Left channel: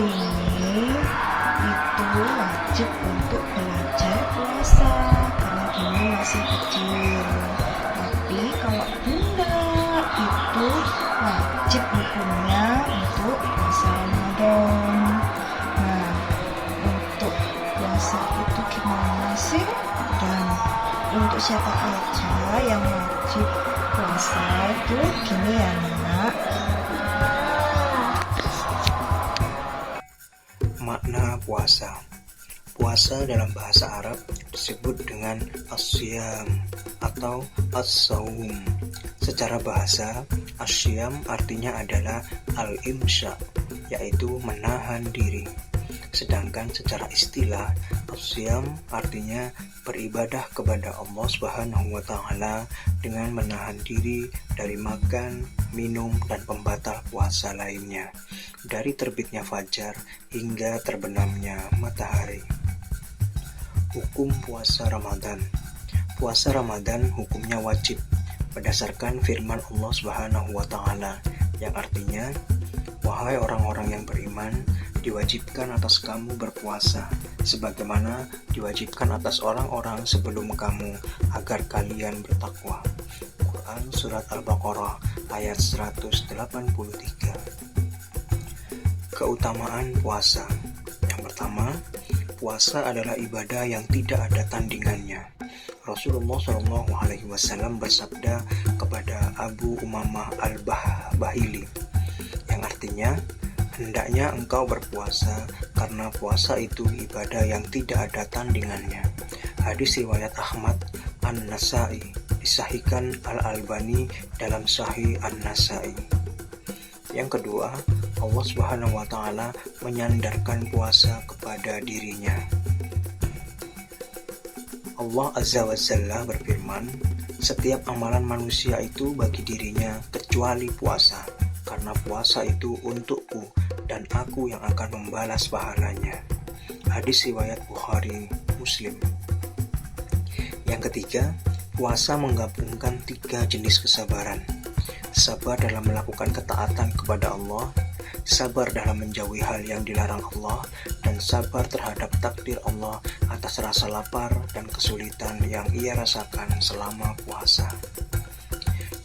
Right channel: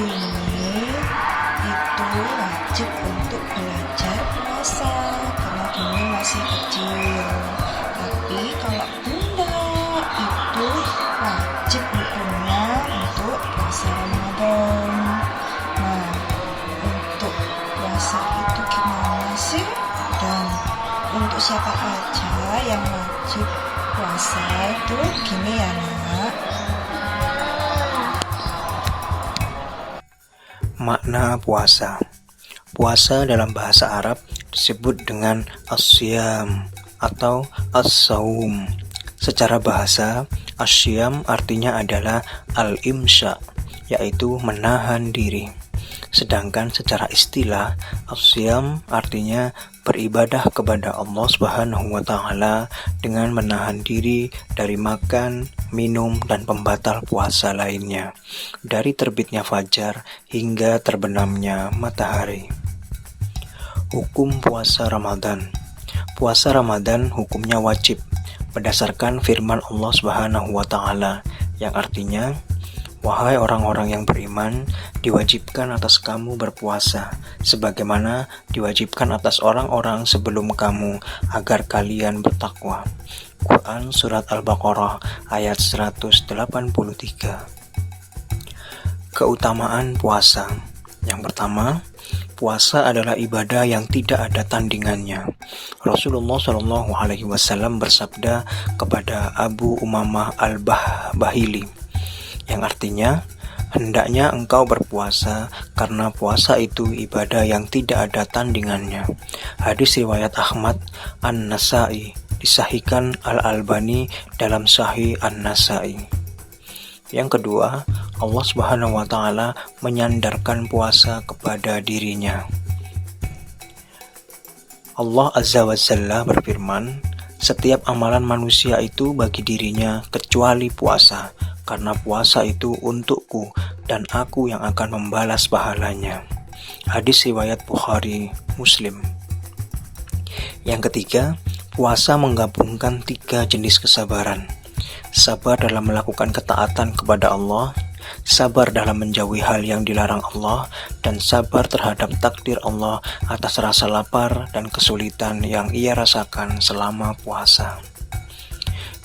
Gini itu wajib untuk belajar puasa karena Gini masih kecil. Tapi kalau Bunda itu wajib hukumnya untuk puasa Ramadan. Nah, untuk puasa itu gimana sih? Dan untuk siapa aja yang wajib puasa itu gini ya nak. Makna puasa. Puasa dalam bahasa Arab disebut dengan as-siyam atau as-saum. Secara bahasa, as-siyam artinya adalah al-imsya, yaitu menahan diri. Sedangkan secara istilah, as-siyam artinya beribadah kepada Allah Subhanahu wa taala dengan menahan diri dari makan, minum, dan pembatal puasa lainnya, dari terbitnya fajar hingga terbenamnya matahari. Hukum puasa Ramadan. Puasa Ramadan hukumnya wajib berdasarkan firman Allah Subhanahu wa taala yang artinya, wahai orang-orang yang beriman, diwajibkan atas kamu berpuasa, sebagaimana diwajibkan atas orang-orang sebelum kamu, agar kalian bertakwa. Quran Surat Al-Baqarah ayat 183. Keutamaan puasa. Yang pertama, puasa adalah ibadah yang tidak ada tandingannya. Rasulullah SAW bersabda kepada Abu Umamah Al-Bahili, yang artinya, hendaknya engkau berpuasa karena puasa itu ibadah yang tidak ada tandingannya. Hadis riwayat Ahmad An-Nasai, disahihkan Al-Albani dalam Sahih An-Nasai. Yang kedua, Allah Subhanahu wa taala menyandarkan puasa kepada dirinya. Allah Azza wa Jalla berfirman, setiap amalan manusia itu bagi dirinya kecuali puasa, karena puasa itu untukku dan aku yang akan membalas pahalanya. Hadis riwayat Bukhari, Muslim. Yang ketiga, puasa menggabungkan 3 jenis kesabaran. Sabar dalam melakukan ketaatan kepada Allah, sabar dalam menjauhi hal yang dilarang Allah, dan sabar terhadap takdir Allah atas rasa lapar dan kesulitan yang ia rasakan selama puasa.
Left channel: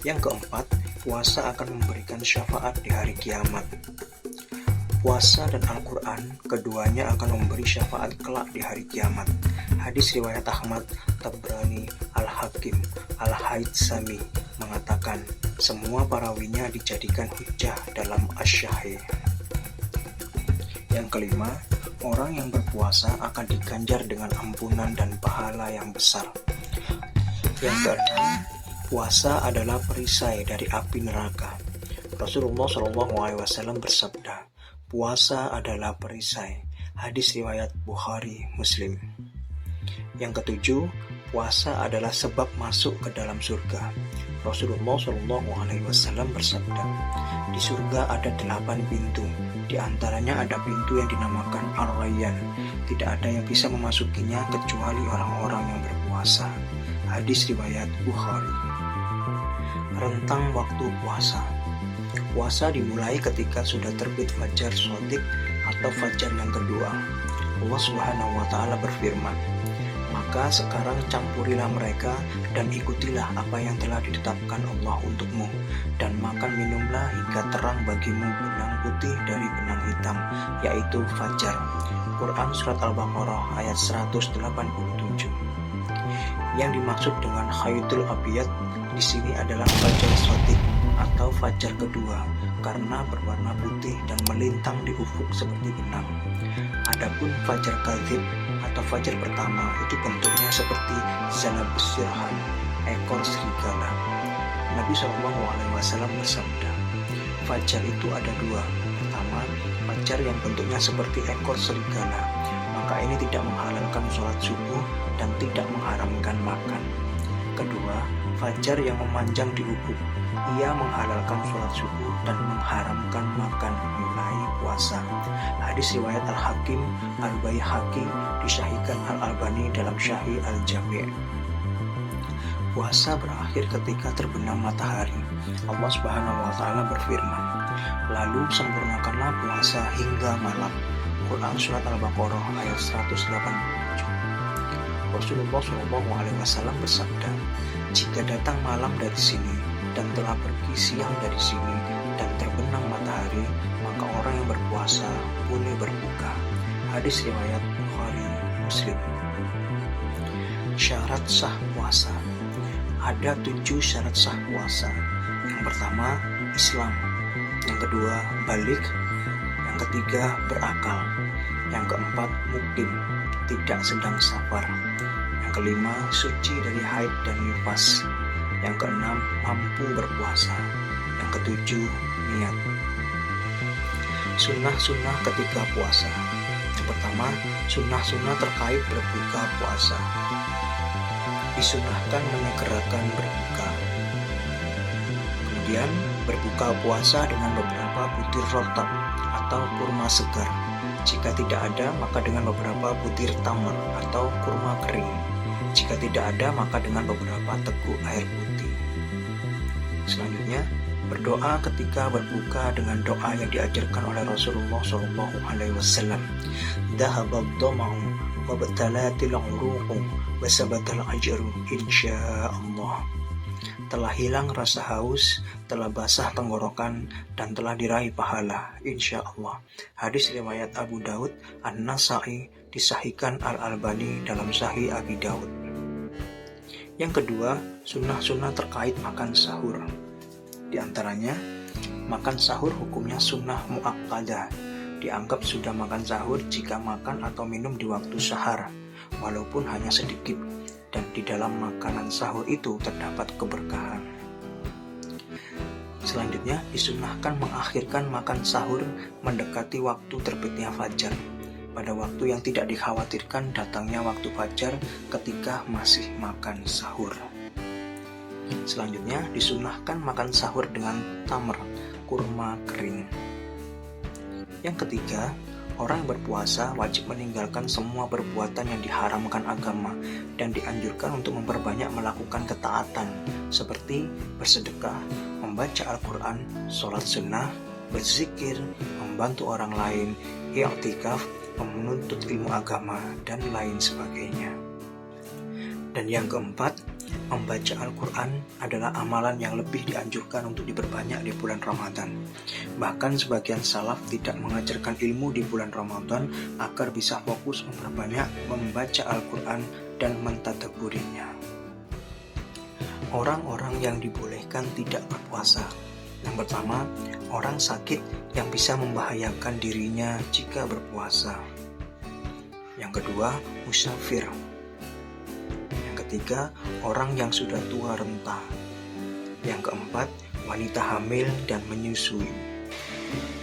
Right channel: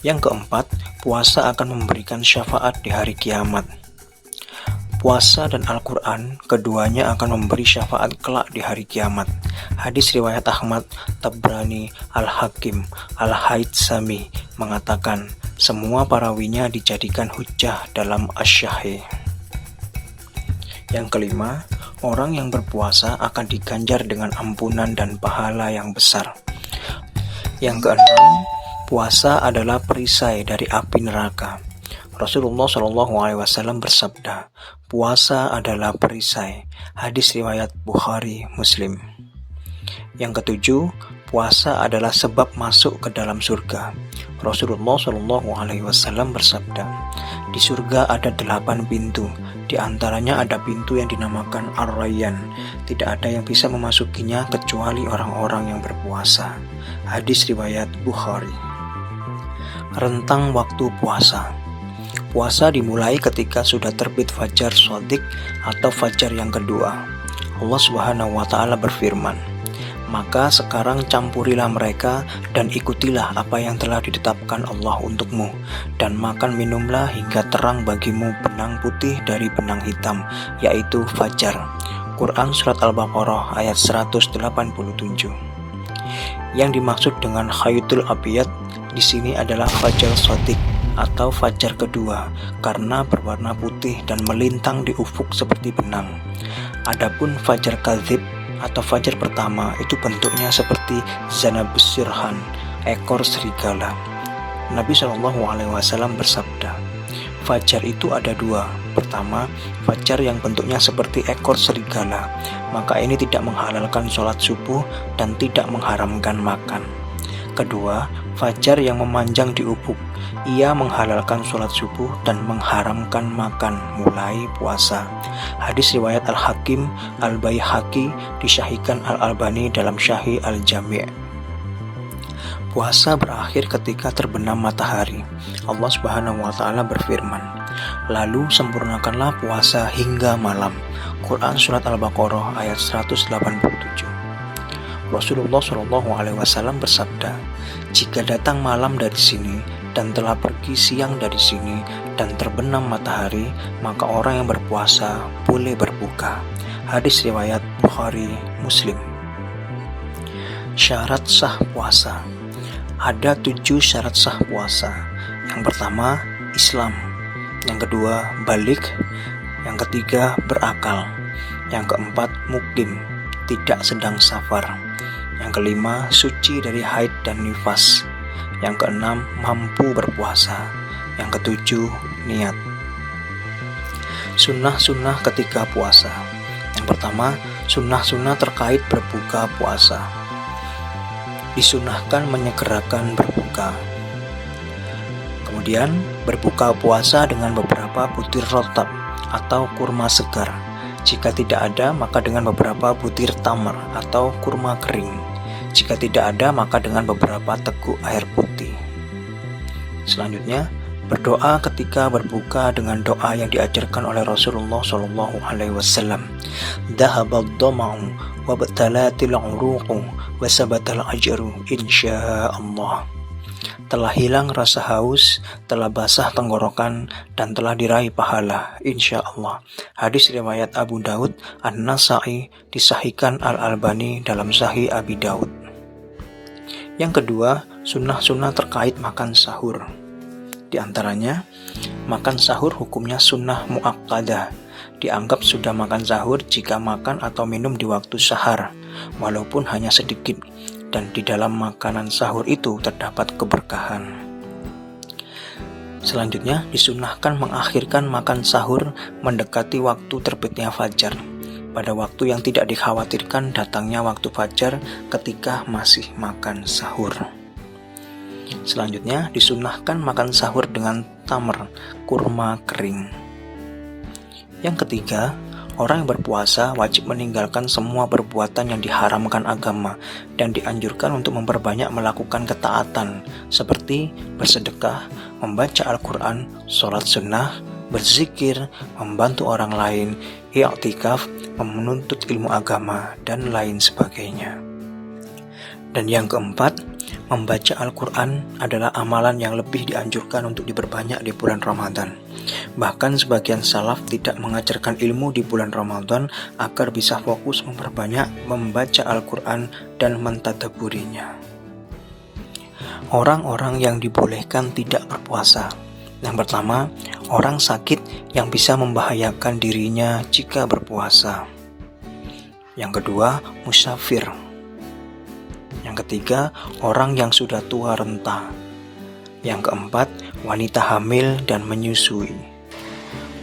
Yang keempat, puasa akan memberikan syafaat di hari kiamat. Puasa dan Al-Quran, keduanya akan memberi syafaat kelak di hari kiamat. Hadis riwayat Ahmad, Tabrani, Al-Hakim, Al-Haytsami mengatakan, semua perawinya dijadikan hujjah dalam Asy-Syahih. Yang kelima, orang yang berpuasa akan diganjar dengan ampunan dan pahala yang besar. Yang keenam, puasa adalah perisai dari api neraka. Rasulullah SAW bersabda, puasa adalah perisai. Hadis riwayat Bukhari, Muslim. Yang ketujuh, puasa adalah sebab masuk ke dalam surga. Rasulullah SAW bersabda, di surga ada 8 pintu. Di antaranya ada pintu yang dinamakan Ar-Rayyan. Tidak ada yang bisa memasukinya kecuali orang-orang yang berpuasa. Hadis riwayat Bukhari. Rentang waktu puasa. Puasa dimulai ketika sudah terbit fajar shadiq atau fajar yang kedua. Allah Subhanahu wa taala berfirman, maka sekarang campurilah mereka dan ikutilah apa yang telah ditetapkan Allah untukmu, dan makan minumlah hingga terang bagimu benang putih dari benang hitam, yaitu fajar. Quran Surat Al-Baqarah ayat 187. Yang dimaksud dengan khaytul abiyad di sini adalah fajar shadiq atau fajar kedua, karena berwarna putih dan melintang di ufuk seperti benang. Adapun fajar kadzib atau fajar pertama itu bentuknya seperti zanabus sirhan, ekor serigala. Nabi SAW bersabda, fajar itu ada 2. Pertama, fajar yang bentuknya seperti ekor serigala, maka ini tidak menghalalkan sholat subuh dan tidak mengharamkan makan. Kedua, fajar yang memanjang di ufuk, ia menghalalkan sholat subuh dan mengharamkan makan mulai puasa. Hadis riwayat Al-Hakim, Al-Baihaqi, disahihkan Al-Albani dalam Sahih Al-Jami'. Puasa berakhir ketika terbenam matahari. Allah Subhanahu wa taala berfirman, lalu sempurnakanlah puasa hingga malam. Quran Surat Al-Baqarah ayat 187. Rasulullah SAW bersabda, "Jika datang malam dari sini dan telah pergi siang dari sini dan terbenam matahari, maka orang yang berpuasa boleh berbuka." Hadis riwayat Bukhari Muslim. Syarat sah puasa. Ada 7 syarat sah puasa. Yang pertama, Islam. Yang kedua, balik. Yang ketiga, berakal. Yang keempat, mukim, tidak sedang safar. Yang kelima, suci dari haid dan nifas. Yang keenam, mampu berpuasa. Yang ketujuh, niat. Sunnah-sunnah ketika puasa. Yang pertama, sunnah-sunnah terkait berbuka puasa. Disunahkan menyegerakan berbuka. Kemudian, berbuka puasa dengan beberapa butir rotab atau kurma segar. Jika tidak ada, maka dengan beberapa butir tamar atau kurma kering. Jika tidak ada, maka dengan beberapa teguk air putih. Selanjutnya, berdoa ketika berbuka dengan doa yang diajarkan oleh Rasulullah SAW. Dhahabad dhama'u wa batalatil 'uruqu wa sabatal ajru insyaallah. Telah hilang rasa haus, telah basah tenggorokan, dan telah diraih pahala, insyaallah. Hadis riwayat Abu Daud, An-Nasa'i, disahihkan Al-Albani dalam Sahih Abi Daud. Yang kedua, sunnah-sunnah terkait makan sahur. Di antaranya, makan sahur hukumnya sunnah muakkadah. Dianggap sudah makan sahur jika makan atau minum di waktu sahar, walaupun hanya sedikit, dan di dalam makanan sahur itu terdapat keberkahan. Selanjutnya, disunahkan mengakhirkan makan sahur mendekati waktu terbitnya fajar, pada waktu yang tidak dikhawatirkan datangnya waktu fajar ketika masih makan sahur. Selanjutnya, disunahkan makan sahur dengan tamar, kurma kering. Yang ketiga, orang yang berpuasa wajib meninggalkan semua perbuatan yang diharamkan agama dan dianjurkan untuk memperbanyak melakukan ketaatan seperti bersedekah, membaca Al-Quran, sholat sunnah, berzikir, membantu orang lain, i'tikaf, menuntut ilmu agama, dan lain sebagainya. Dan yang keempat, membaca Al-Quran adalah amalan yang lebih dianjurkan untuk diperbanyak di bulan Ramadan. Bahkan sebagian salaf tidak mengajarkan ilmu di bulan Ramadan agar bisa fokus memperbanyak membaca Al-Quran dan mentadabburinya. Orang-orang yang dibolehkan tidak berpuasa. Yang pertama, orang sakit yang bisa membahayakan dirinya jika berpuasa. Yang kedua, musafir. Yang ketiga, orang yang sudah tua renta. Yang keempat, wanita hamil dan menyusui.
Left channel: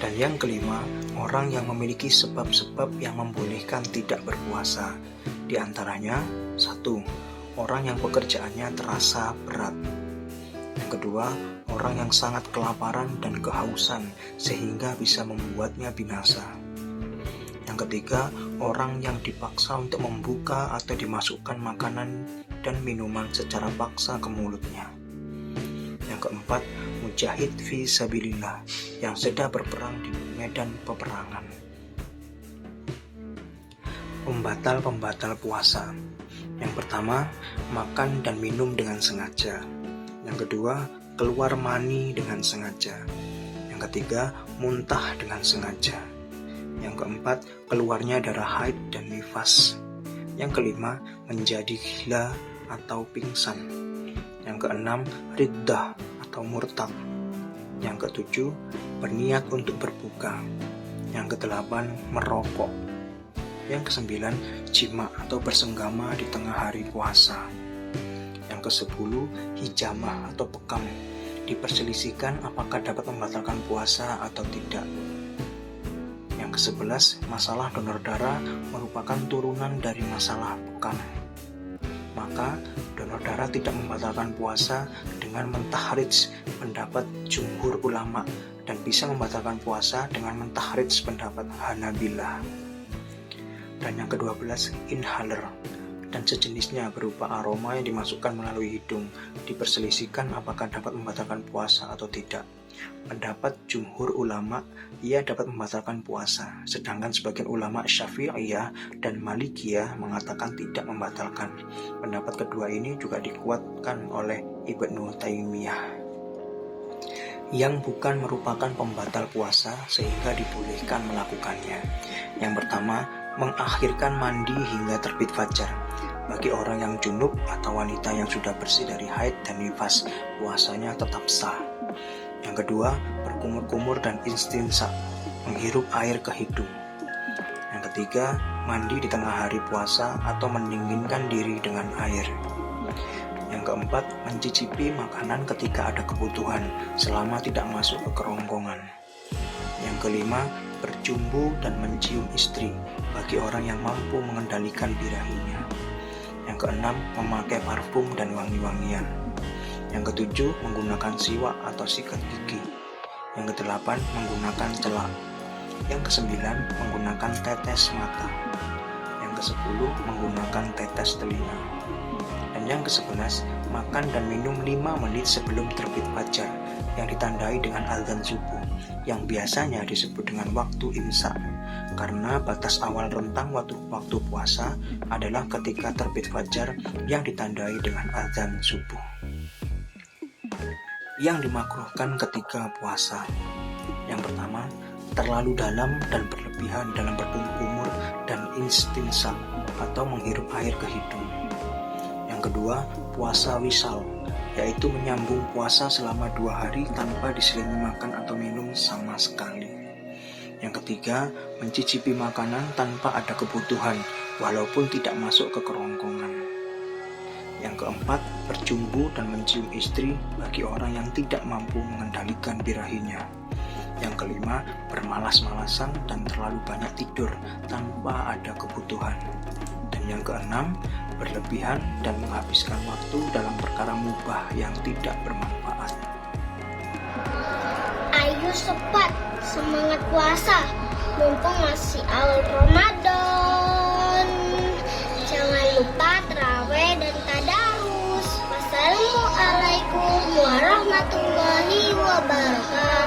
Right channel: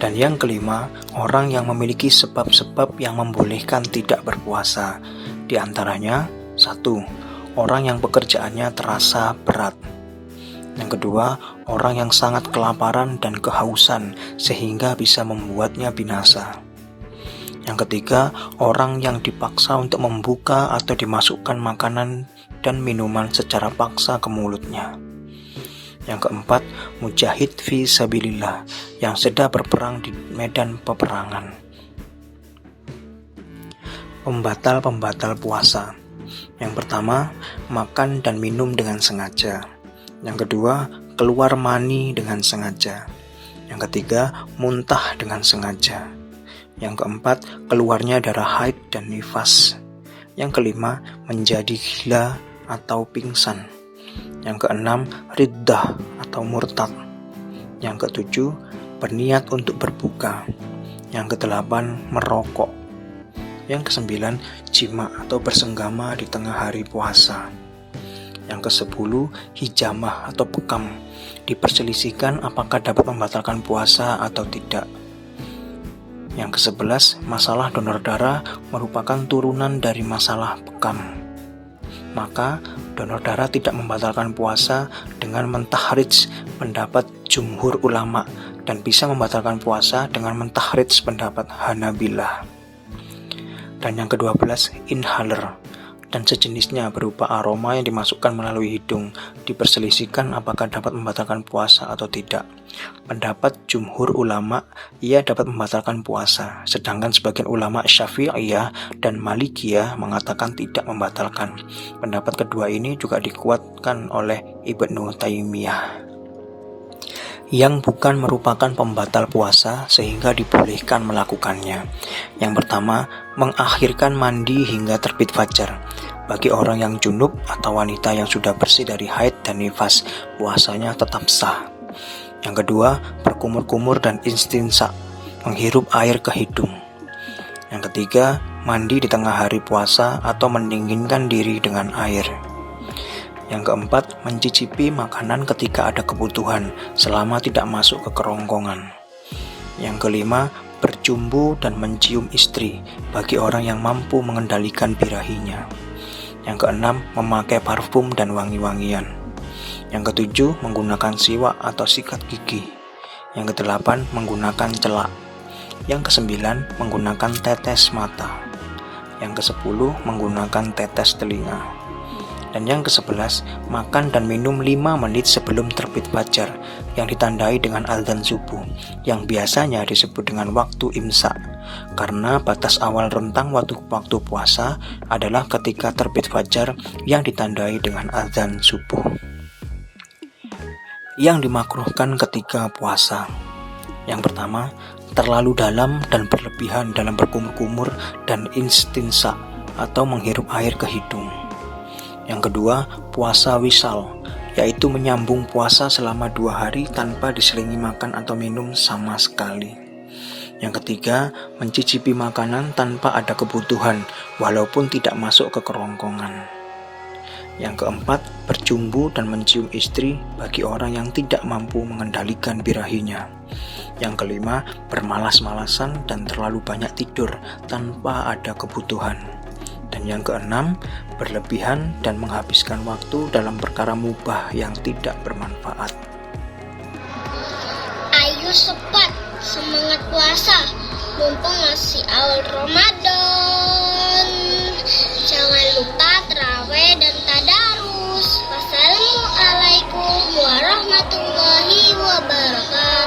Dan yang kelima, orang yang memiliki sebab-sebab yang membolehkan tidak berpuasa. Di antaranya, 1. Orang yang pekerjaannya terasa berat. Yang kedua, orang yang sangat kelaparan dan kehausan sehingga bisa membuatnya binasa. Yang ketiga, orang yang dipaksa untuk membuka atau dimasukkan makanan dan minuman secara paksa ke mulutnya. Yang keempat, mujahid fi sabilillah yang sedang berperang di medan peperangan. Pembatal-pembatal puasa. Yang pertama, makan dan minum dengan sengaja. Yang kedua, keluar mani dengan sengaja. Yang ketiga, muntah dengan sengaja. Yang keempat, keluarnya darah haid dan nifas. Yang kelima, menjadi gila atau pingsan. Yang keenam, riddah atau murtad. Yang ketujuh, berniat untuk berbuka. Yang kedelapan, merokok. Yang kesembilan, jima atau bersenggama di tengah hari puasa. Yang kesepuluh, hijamah atau bekam. Diperselisihkan apakah dapat membatalkan puasa atau tidak. Yang ke-11, masalah donor darah merupakan turunan dari masalah bekam. Maka, donor darah tidak membatalkan puasa dengan mentahrij pendapat jumhur ulama dan bisa membatalkan puasa dengan mentahrij pendapat Hanabilah. Dan yang ke-12, inhaler. dan sejenisnya berupa aroma yang dimasukkan melalui hidung. Diperselisihkan apakah dapat membatalkan puasa atau tidak. Pendapat jumhur ulama, ia dapat membatalkan puasa, sedangkan sebagian ulama Syafi'iyah dan Malikiyah mengatakan tidak membatalkan. Pendapat kedua ini juga dikuatkan oleh Ibnu Taimiyah, yang bukan merupakan pembatal puasa sehingga dibolehkan melakukannya. Yang pertama, mengakhirkan mandi hingga terbit fajar. Bagi orang yang junub atau wanita yang sudah bersih dari haid dan nifas, puasanya tetap sah. Yang kedua, berkumur-kumur dan istinsa, menghirup air ke hidung. Yang ketiga, mandi di tengah hari puasa atau mendinginkan diri dengan air. Yang keempat, mencicipi makanan ketika ada kebutuhan selama tidak masuk ke kerongkongan. Yang kelima, bercumbu dan mencium istri bagi orang yang mampu mengendalikan birahinya. Yang keenam, memakai parfum dan wangi-wangian. Yang ketujuh, menggunakan siwak atau sikat gigi. Yang kedelapan, menggunakan celak. Yang kesembilan, menggunakan tetes mata. Yang kesepuluh, menggunakan tetes telinga. Dan yang ke-11, makan dan minum 5 menit sebelum terbit fajar yang ditandai dengan azan subuh, yang biasanya disebut dengan waktu imsak, karena batas awal rentang waktu puasa adalah ketika terbit fajar yang ditandai dengan azan subuh. Yang dimakruhkan ketika puasa. Yang pertama, terlalu dalam dan berlebihan dalam berkumur-kumur dan istinsa atau menghirup air ke hidung. Yang kedua, puasa wisal, yaitu menyambung puasa selama 2 hari tanpa diselingi makan atau minum sama sekali. Yang ketiga, mencicipi makanan tanpa ada kebutuhan, walaupun tidak masuk ke kerongkongan. Yang keempat, bercumbu dan mencium istri bagi orang yang tidak mampu mengendalikan birahinya. Yang kelima, bermalas-malasan dan terlalu banyak tidur tanpa ada kebutuhan. Dan yang keenam, berlebihan dan menghabiskan waktu dalam perkara mubah yang tidak bermanfaat. Ayo cepat, semangat puasa, mumpung masih awal Ramadan. Jangan lupa tarawih dan tadarus. Wassalamualaikum warahmatullahi wabarakatuh.